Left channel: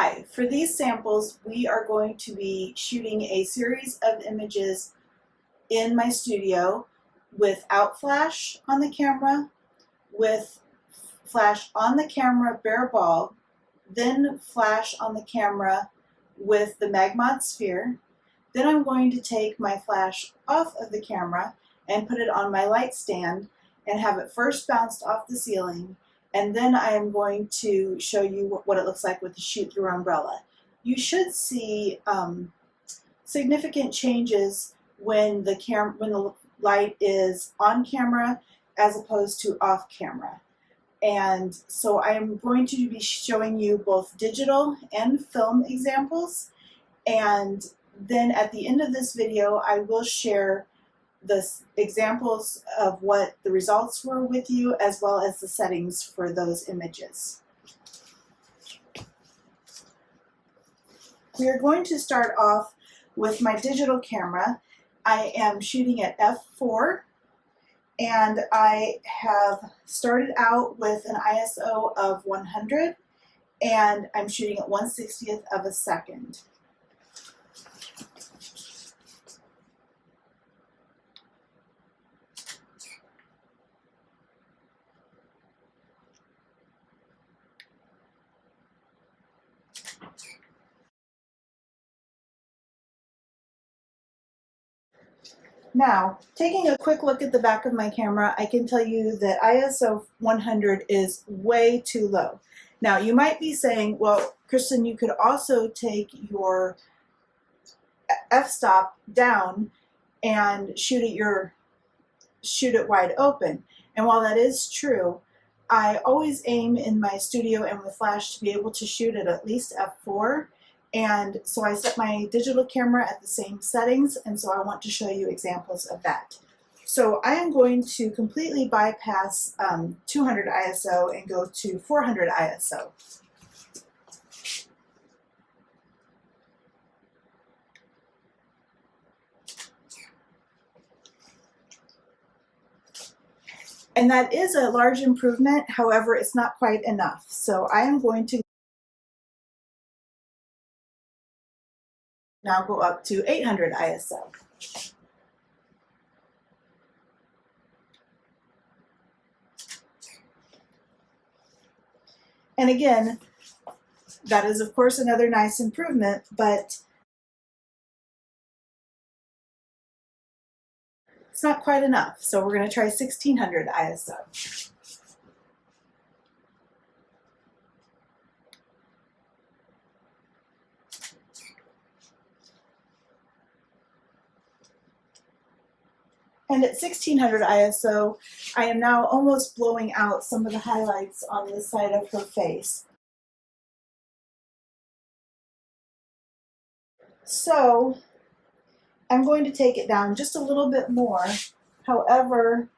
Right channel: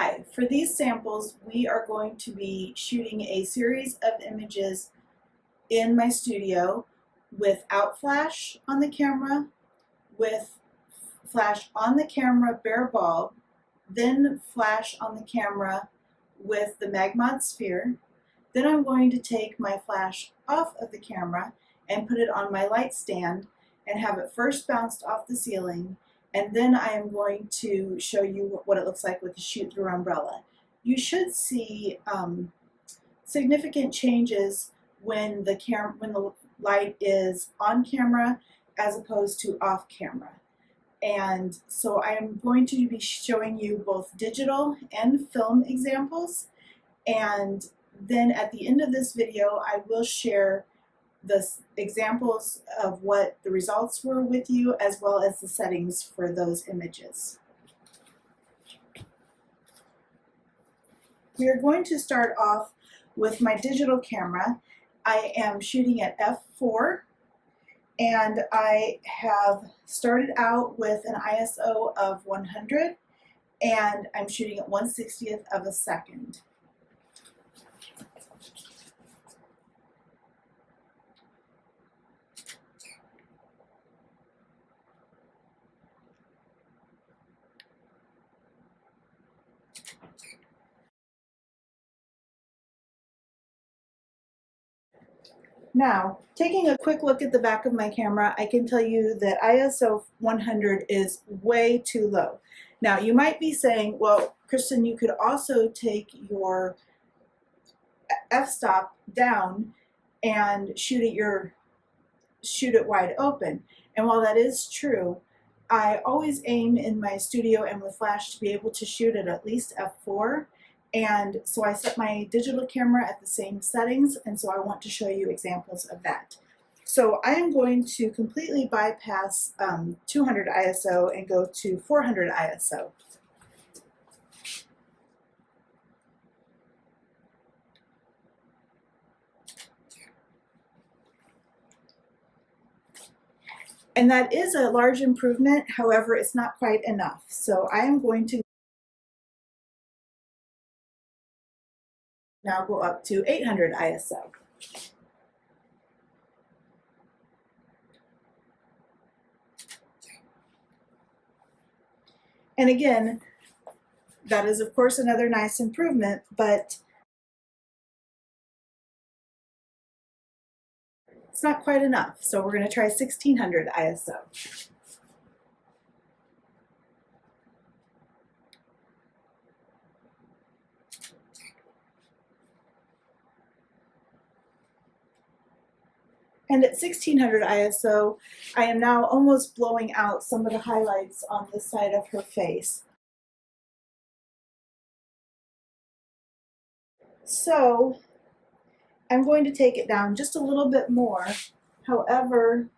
Hi, for these samples, we are going to be shooting a series of images in my studio without flash on the camera, with flash on the camera bare bulb, then flash on the camera with the Magmod sphere. Then I'm going to take my flash off of the camera and put it on my light stand and have it first bounced off the ceiling, and then I am going to show you what it looks like with the shoot-through umbrella. You should see significant changes when the light is on camera as opposed to off camera. And so I am going to be showing you both digital and film examples, and then at the end of this video I will share the examples of what the results were with you, as well as the settings for those images. We are going to start off with my digital camera. I am shooting at f4, and I have started out with an ISO of 100, and I'm shooting at 1/60th of a second. Now, taking a quick look at the back of my camera, I can tell you that ISO 100 is way too low. Now, you might be saying, well, Kristen, you could also take your f-stop down and shoot it wide open. And while that is true, I always aim in my studio and with flash to be able to shoot at least f4. And so I set my digital camera at the same settings, and so I want to show you examples of that. So I am going to completely bypass 200 ISO and go to 400 ISO. And that is a large improvement, however, it's not quite enough. So I am going to now go up to 800 ISO. And again, that is of course another nice improvement, but it's not quite enough. So we're going to try 1600 ISO. And at 1600 ISO, I am now almost blowing out some of the highlights on this side of her face. So I'm going to take it down just a little bit more. However,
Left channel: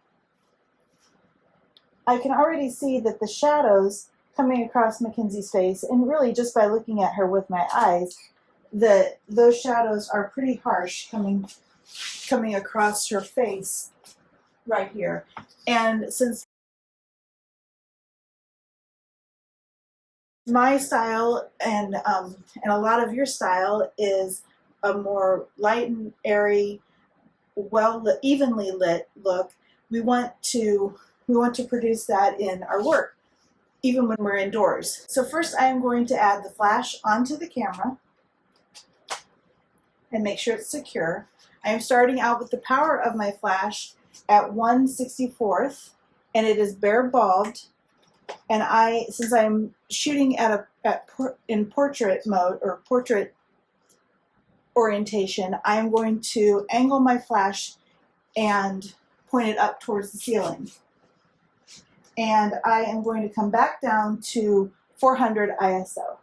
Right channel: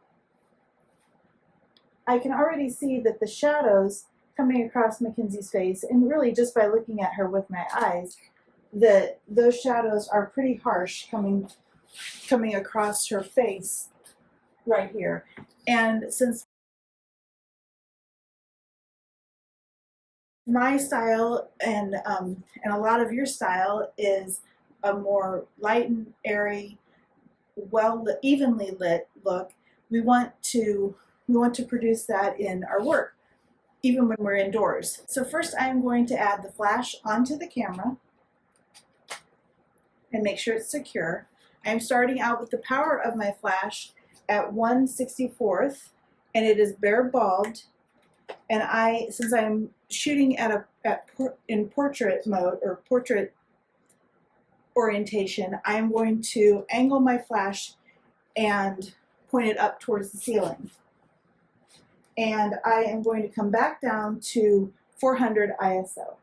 I can already see that the shadows coming across Mackenzie's face, and really just by looking at her with my eyes, that those shadows are pretty harsh coming across her face right here. And since my style and a lot of your style is a more light and airy, evenly lit look, we want to produce that in our work, even when we're indoors. So first I am going to add the flash onto the camera and make sure it's secure. I am starting out with the power of my flash at 1/64th, and it is bare bulbed. And since I'm shooting in portrait mode or portrait orientation, I'm going to angle my flash and point it up towards the ceiling. And I am going to come back down to 400 ISO.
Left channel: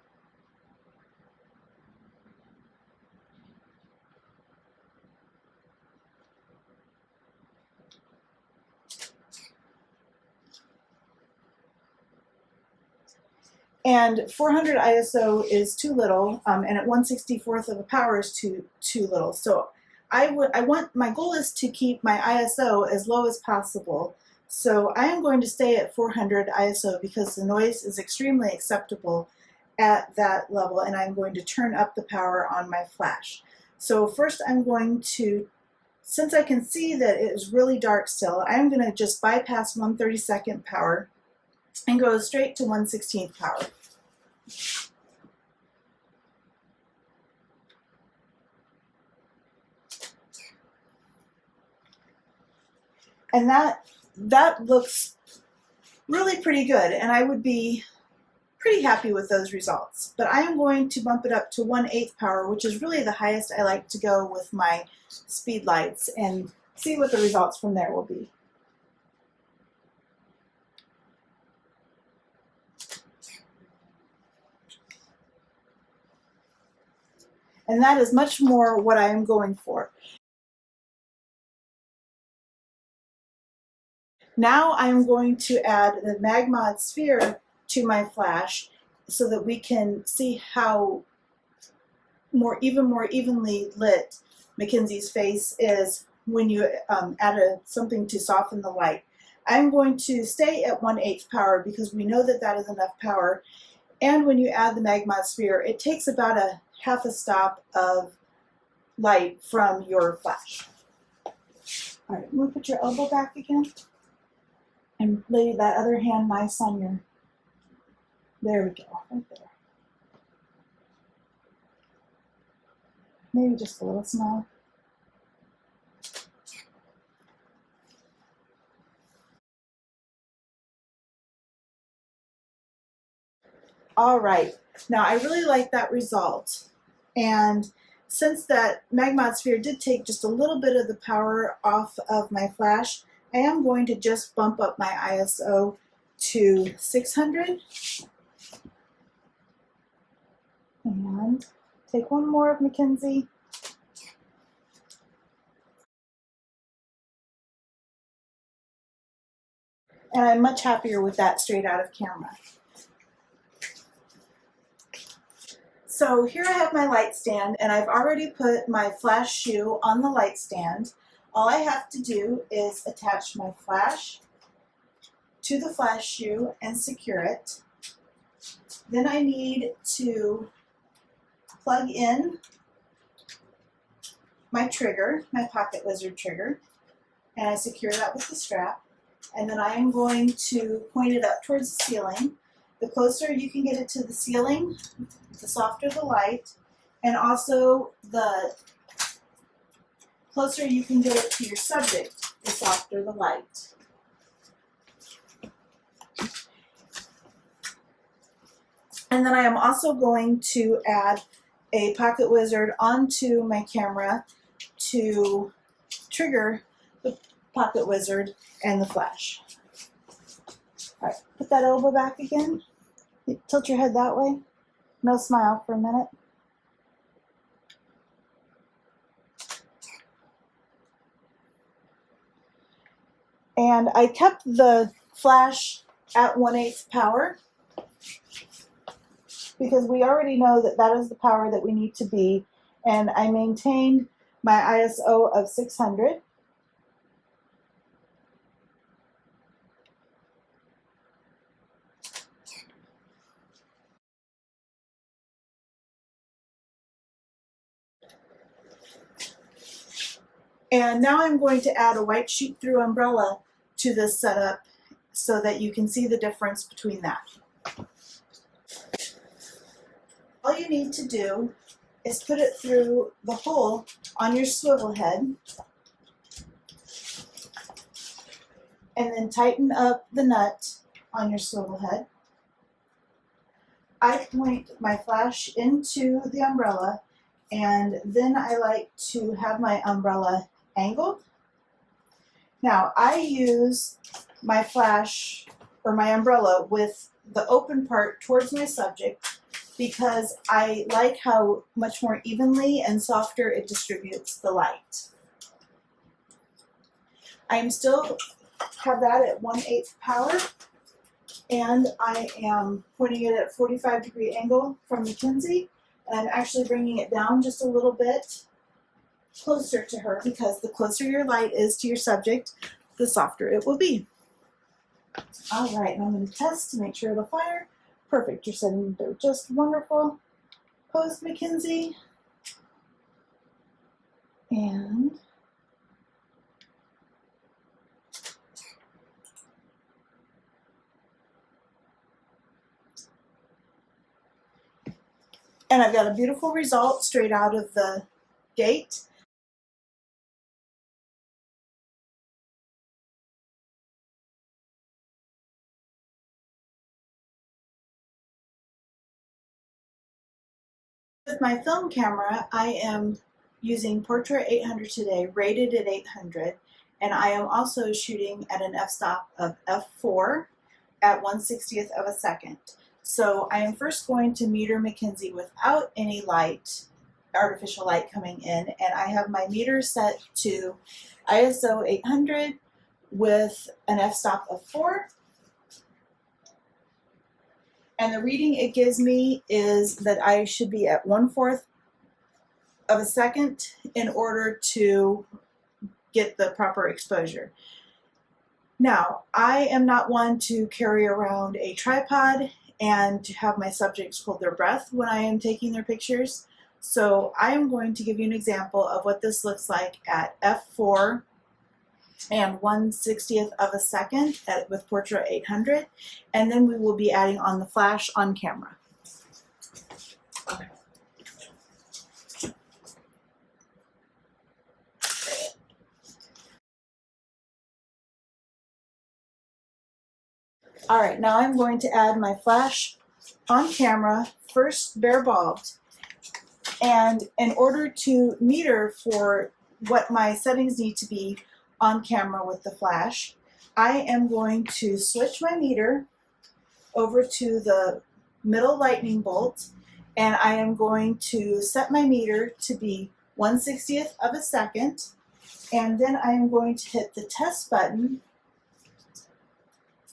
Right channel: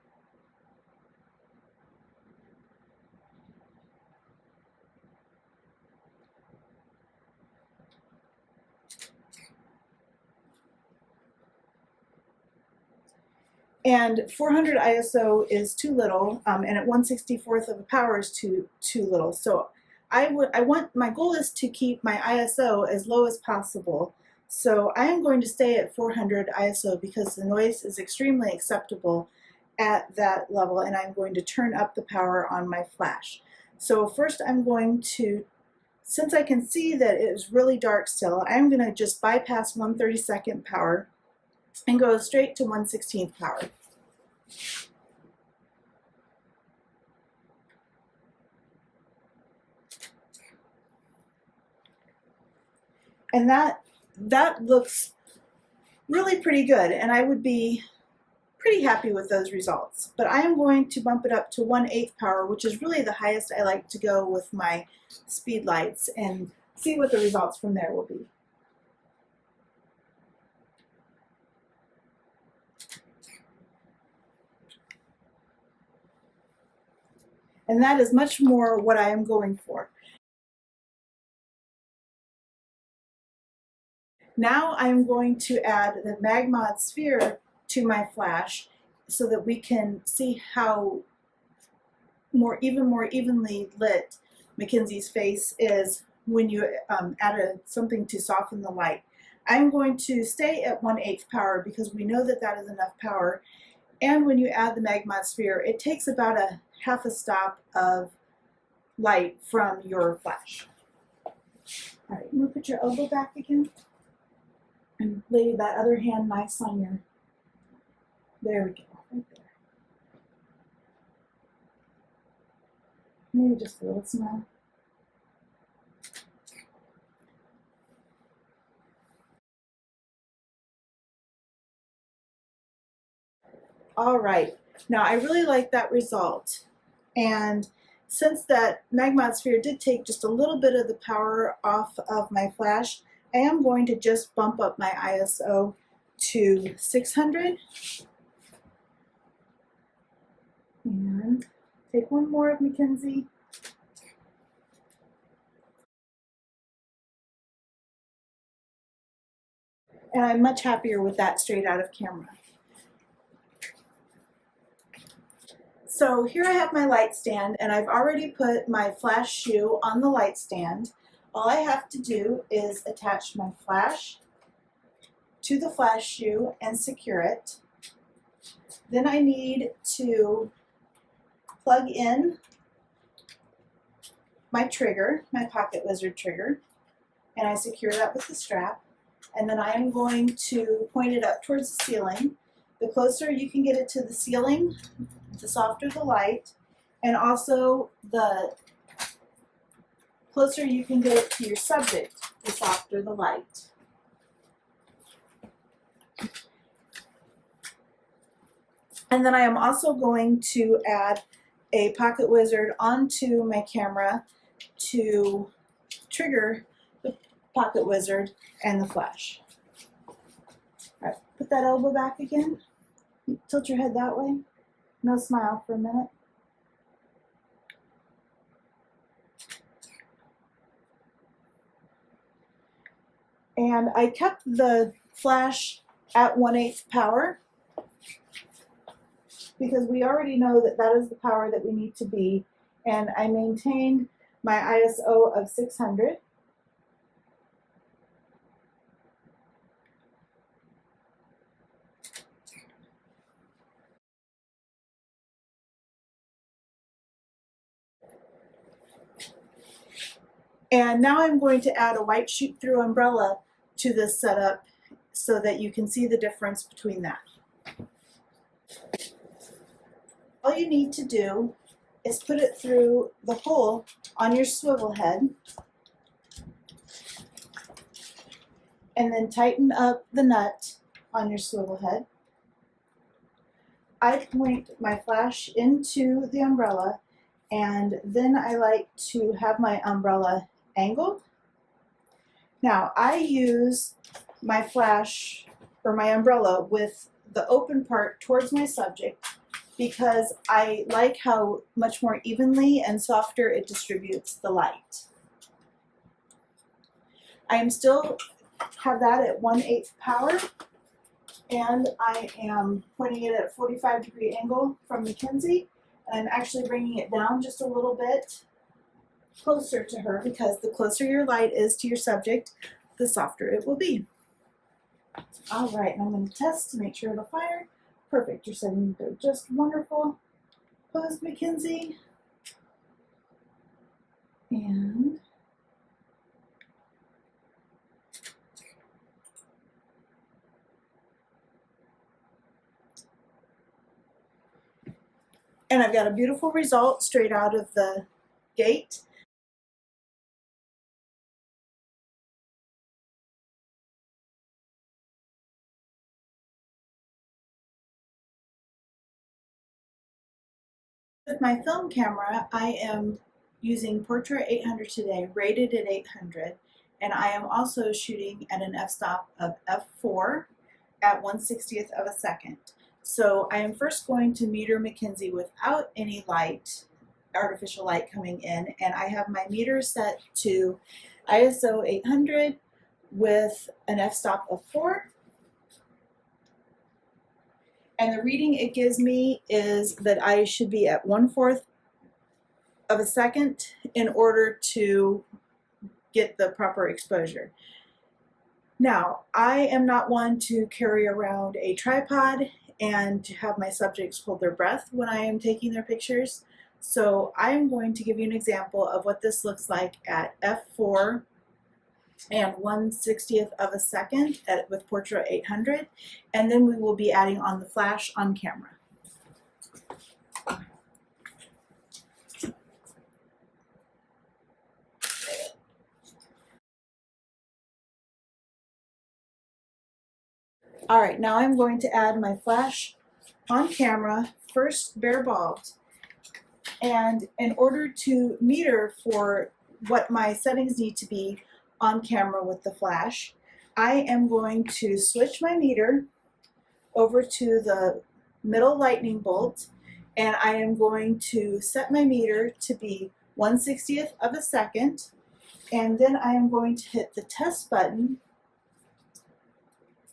And 400 ISO is too little, and at 1/64th of a power is too little. So my goal is to keep my ISO as low as possible. So I am going to stay at 400 ISO because the noise is extremely acceptable at that level, and I'm going to turn up the power on my flash. So first I'm going to, since I can see that it is really dark still, I'm going to just bypass 1/32 power and go straight to 1/16 power. And that looks really pretty good, and I would be pretty happy with those results. But I am going to bump it up to 1/8 power, which is really the highest I like to go with my speed lights, and see what the results from there will be. And that is much more what I am going for. Now I am going to add the Magmod sphere to my flash so that we can see how even more evenly lit Mackenzie's face is when you add something to soften the light. I'm going to stay at 1/8 power because we know that that is enough power. And when you add the Magmod sphere, it takes about a half a stop of light from your flash. All right, I'm going to put your elbow back again and lay that other hand nice on your, there we go, right there. Maybe just a little smile. All right, now I really like that result. And since that Magmod sphere did take just a little bit of the power off of my flash, I am going to just bump up my ISO to 600. And take one more of Mackenzie. And I'm much happier with that straight out of camera. So here I have my light stand, and I've already put my flash shoe on the light stand. All I have to do is attach my flash to the flash shoe and secure it. Then I need to plug in my trigger, my Pocket Wizard trigger, and I secure that with the strap. And then I am going to point it up towards the ceiling. The closer you can get it to the ceiling, the softer the light, and also the closer you can get it to your subject, the softer the light. And then I am also going to add a Pocket Wizard onto my camera to trigger the Pocket Wizard and the flash. All right, put that elbow back again. Tilt your head that way. No smile for a minute. And I kept the flash at 1/8 power because we already know that that is the power that we need to be. And I maintained my ISO of 600. And now I'm going to add a white shoot-through umbrella to this setup so that you can see the difference between that. All you need to do is put it through the hole on your swivel head and then tighten up the nut on your swivel head. I point my flash into the umbrella, and then I like to have my umbrella angled. Now I use my flash or my umbrella with the open part towards my subject because I like how much more evenly and softer it distributes the light. I am still have that at 1/8 power, and I am pointing it at a 45-degree angle from Mackenzie, and I'm actually bringing it down just a little bit closer to her because the closer your light is to your subject, the softer it will be. All right, and I'm going to test to make sure it'll fire. Perfect, you're sitting there just wonderful. Pose, Mackenzie. And I've got a beautiful result straight out of the gate. With my film camera, I am using Portra 800 today, rated at 800, and I am also shooting at an f-stop of f4 at 1/60th of a second. So I am first going to meter Mackenzie without any light, artificial light coming in, and I have my meter set to ISO 800 with an f-stop of 4. And the reading it gives me is that I should be at 1/4 of a second in order to get the proper exposure. Now, I am not one to carry around a tripod and to have my subjects hold their breath when I am taking their pictures. So I am going to give you an example of what this looks like at f4 and 1/60th of a second with Portra 800, and then we will be adding on the flash on camera. All right, now I'm going to add my flash on camera, first bare bulbed. And in order to meter for what my settings need to be on camera with the flash, I am going to switch my meter over to the middle lightning bolt, and I am going to set my meter to be 1/60th of a second, and then I am going to hit the test button,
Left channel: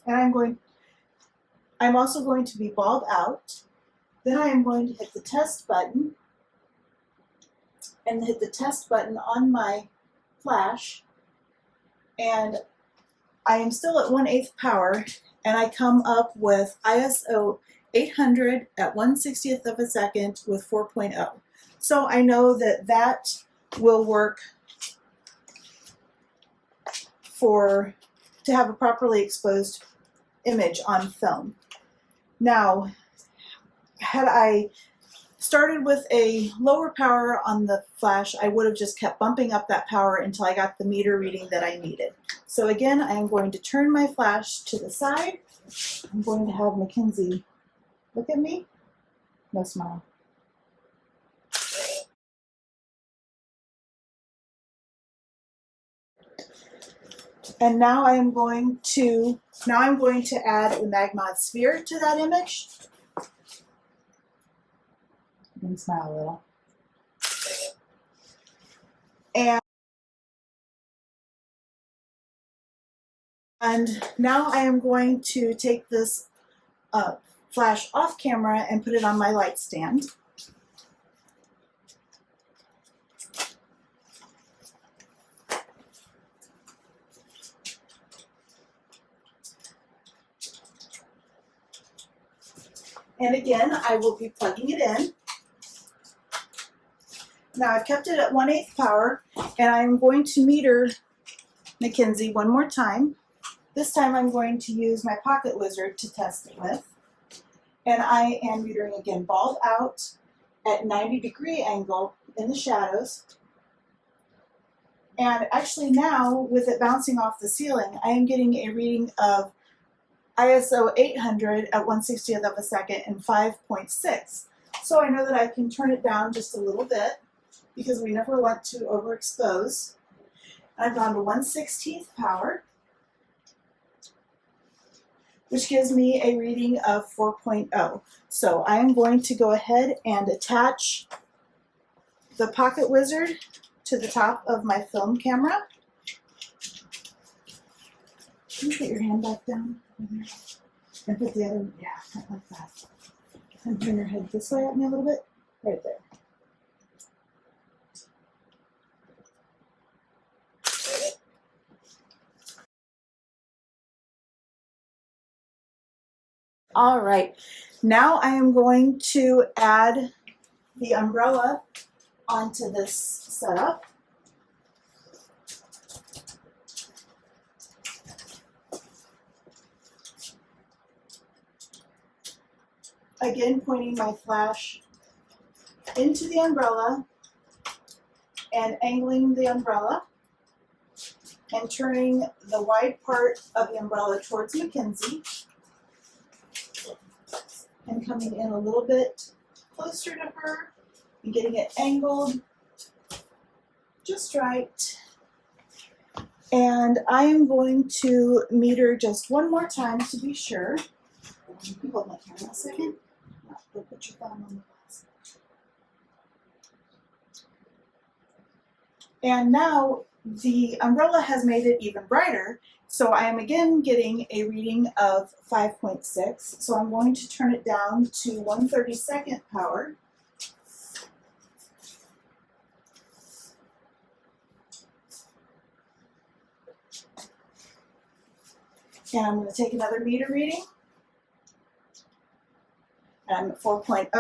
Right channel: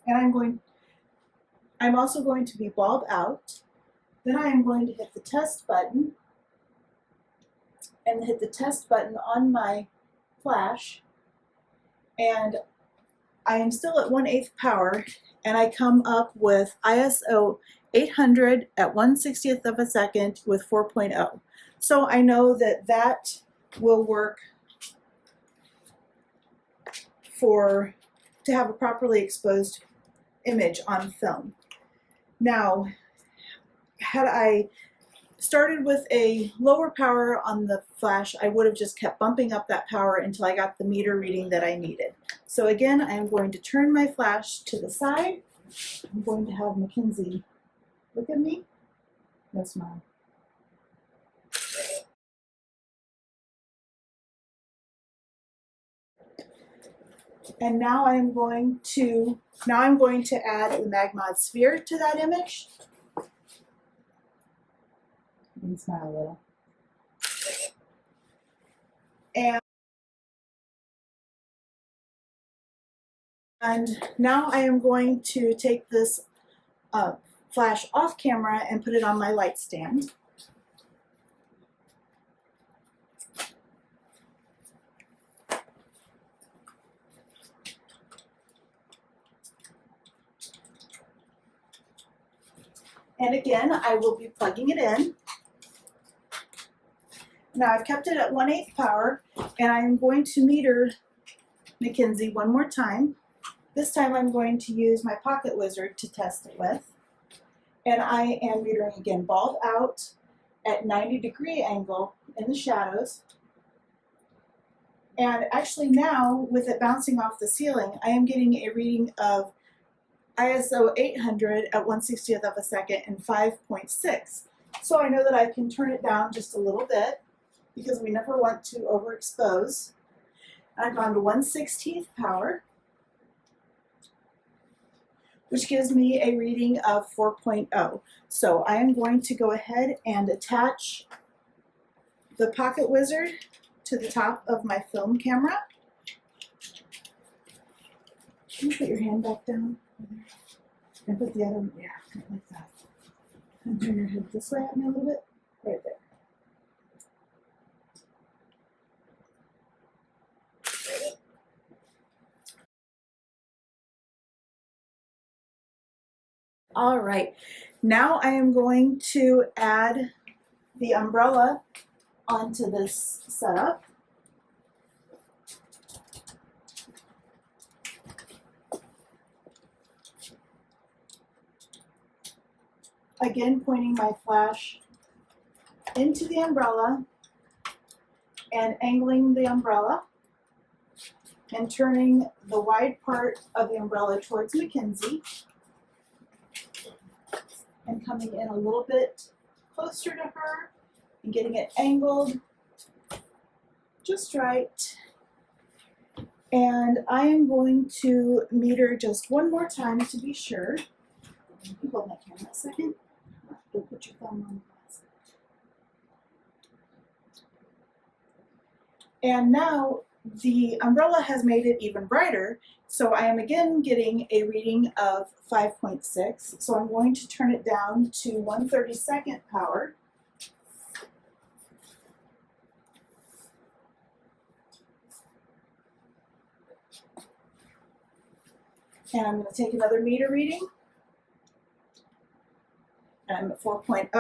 and I'm also going to be bulb out. Then I am going to hit the test button and hit the test button on my flash, and I am still at 1/8 power, and I come up with ISO 800 at 1/60th of a second with 4.0. So I know that that will work to have a properly exposed image on film. Now, had I started with a lower power on the flash, I would have just kept bumping up that power until I got the meter reading that I needed. So again, I am going to turn my flash to the side. I'm going to have Mackenzie look at me. No smile. And now I'm going to add the Magmod sphere to that image. You can smile a little. And now I am going to take this flash off camera and put it on my light stand. And again, I will be plugging it in. Now I've kept it at 1/8 power, and I'm going to meter Mackenzie one more time. This time I'm going to use my Pocket Wizard to test it with. And I am metering again, bulb out at 90-degree angle in the shadows. And actually now, with it bouncing off the ceiling, I am getting a reading of ISO 800 at 1/60th of a second and 5.6. So I know that I can turn it down just a little bit because we never want to overexpose. I've gone to 1/16th power, which gives me a reading of 4.0. So I am going to go ahead and attach the Pocket Wizard to the top of my film camera. Can you put your hand back down over there? And put the other, yeah, right like that. And turn your head this way at me a little bit. Right there. All right. Now I am going to add the umbrella onto this setup. Again, pointing my flash into the umbrella and angling the umbrella and turning the wide part of the umbrella towards Mackenzie and coming in a little bit closer to her and getting it angled just right. And I am going to meter just one more time to be sure. You can hold my camera a second. Go put your thumb on the glass. And now the umbrella has made it even brighter, so I am again getting a reading of 5.6. So I'm going to turn it down to 1/32 power. And I'm going to take another meter reading. And I'm at 4.0.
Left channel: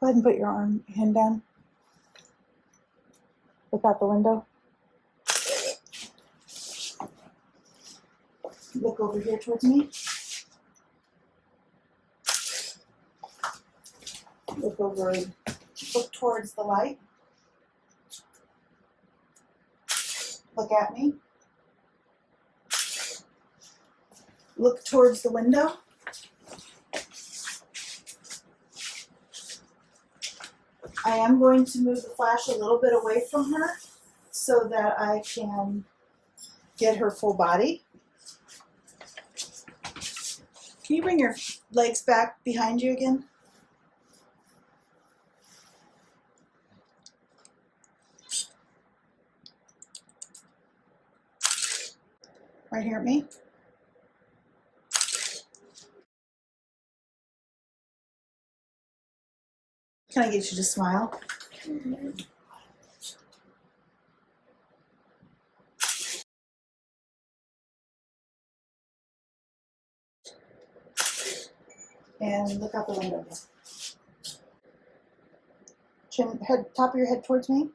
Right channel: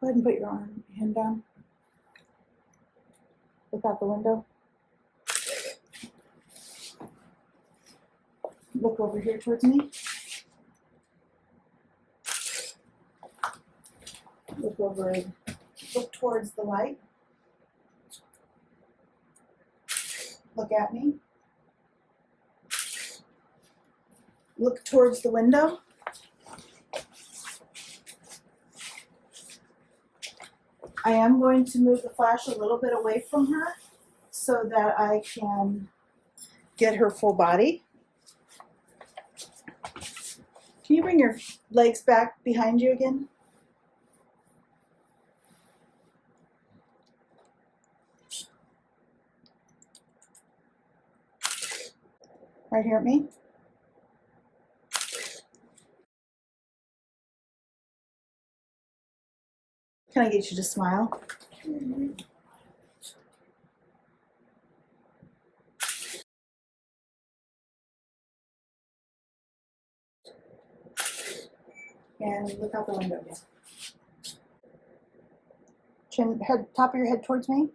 Go ahead and put your hand down. Look out the window. Look over here towards me. Look towards the light. Look at me. Look towards the window. I am going to move the flash a little bit away from her so that I can get her full body. Can you bring your legs back behind you again? Right here at me. Can I get you to smile? Mm-hmm. And look out the window again. Chin, head, top of your head towards me.